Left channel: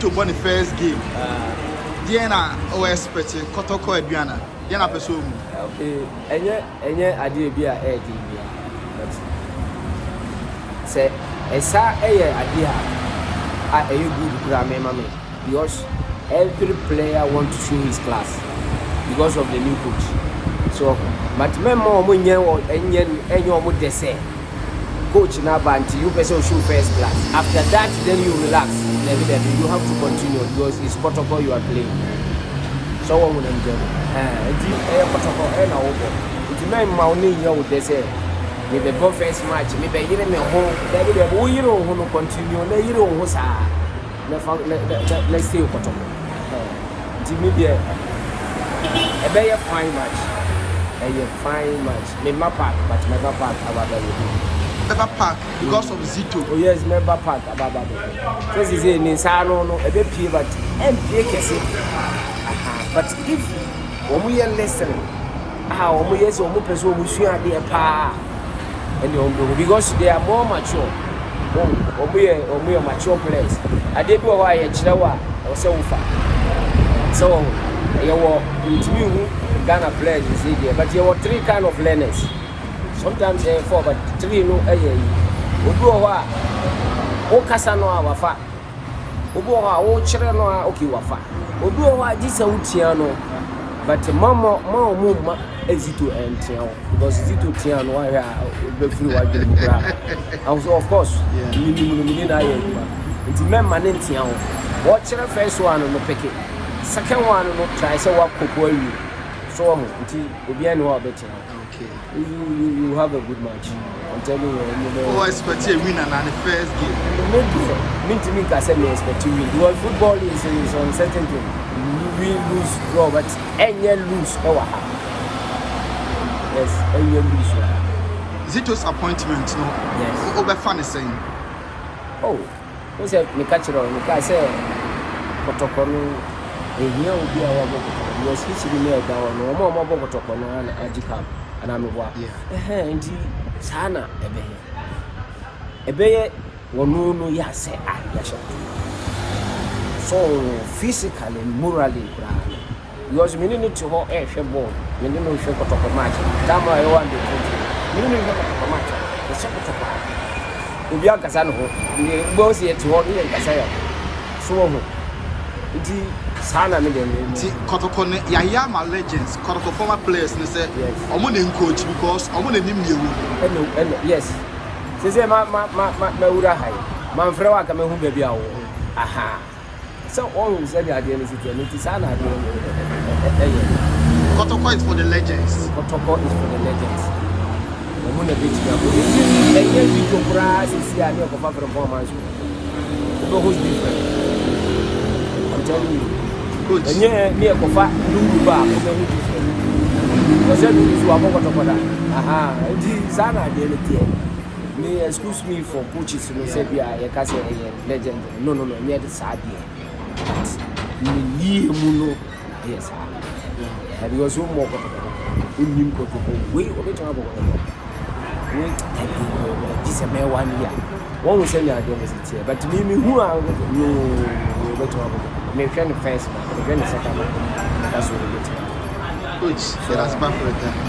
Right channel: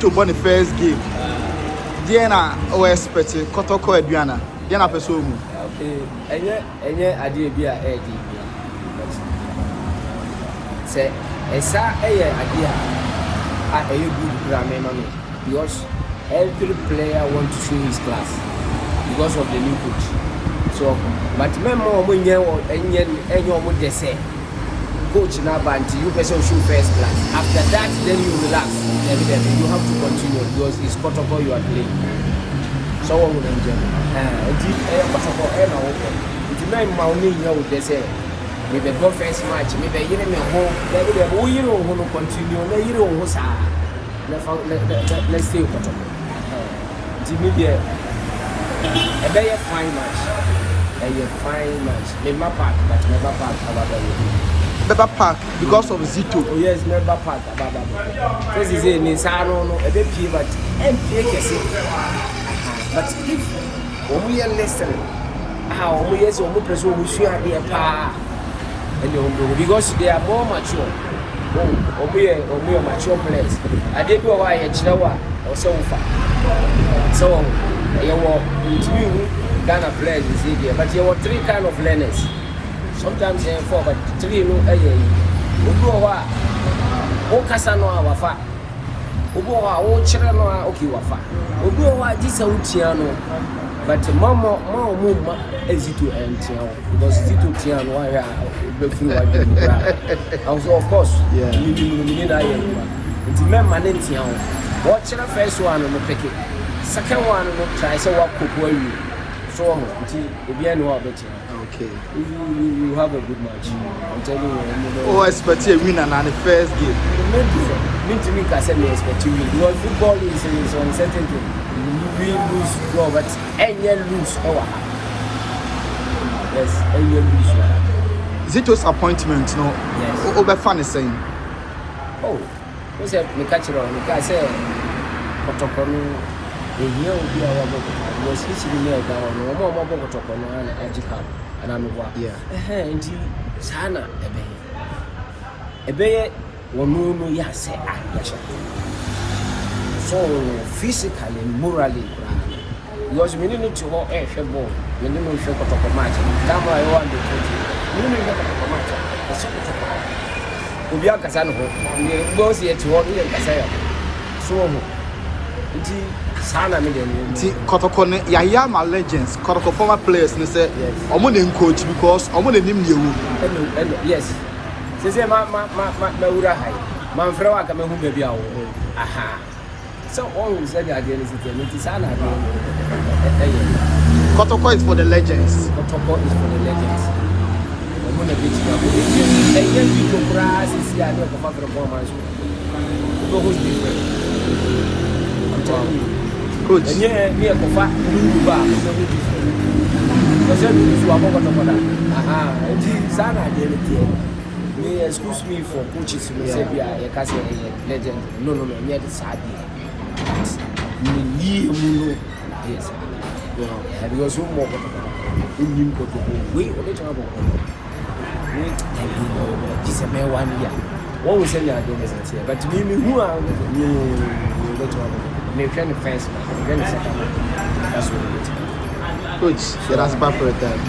To win the first game. Diana we expect Kotoko Adriana. Diana Pesumu. Any idea be a idea. Say, esa idea. Are you good grammar? Because every player want to show his class because of the new coach. So, but remember when you any say coach na banti you person show first class. After that, then you relax. Then you have to continue because it's protocol you are playing. So what would enjoy? Protocol na open. If you remember when you would say with the first match, maybe you know home. Then you know continue. Then you know what's let's stay protocol. Jimmy there. A very fine match. A fine match. Never park, but never park about Never park because of Zito. Oh yes, never park about that. Because he's in Nisano, a bit pay, but but if when we are listening, how we are so much we should be a power, and because they are more mature. We are mature players. I did go away at Chihuahua or so far. So you were Ghana players is here, but there were three kind of learners. Sometimes four, but three no. Ubuwa, Okasano wafa. Ubuwa, Ochirano Okiwafa. Ubuwa, this Utiano, but Mama Zito and Tiano, because Zito Tiano, why and so of course, you need it's member Tiano. Watch the first one on the packet, second one on the try, so what could you? So, okay. You have a good match. I'm telling you. Oh, I expect a winner in the first game. Me, I said, me expect to win. Because football is uncertain thing. We lose, go, but any lose, yes, any lose. Zito's appointment, no? Yes. Over fun is saying. Oh, who's a mechanical? I say, Kotoko. Here will be our book. You're switching me down. No more book to Achiba. And I'm what? Yeah. And Sana, a bay, one no, yes, so physically, morally, because we need to hold a ball. We need to talk about match. That's why I want to do. We need to talk about match. If you are Casano, we both here to hold it. So, Kotoko, my legends, Kotoko former players, they say, I'm going to coach because I'm going to name you. Yes. She said, my friend, I come home, baby. Aha. So, all said that there is a Sana. Kotoko is for the legends. Kotoko is for the legends. I'm going to be to grass is here, no performance. I'm telling you. Good. And yeah, you go back, you back, so we different. Because you are more than aha, and Sana did it. Me excuse me for coaches who say, yeah, a castle legend. No, me at the side. You yes. And you also more. We only talk about wait, this is 1 year. One will say that here, but me who are no make the first one, the second one. That's what we get. Coach, that's bad for a time.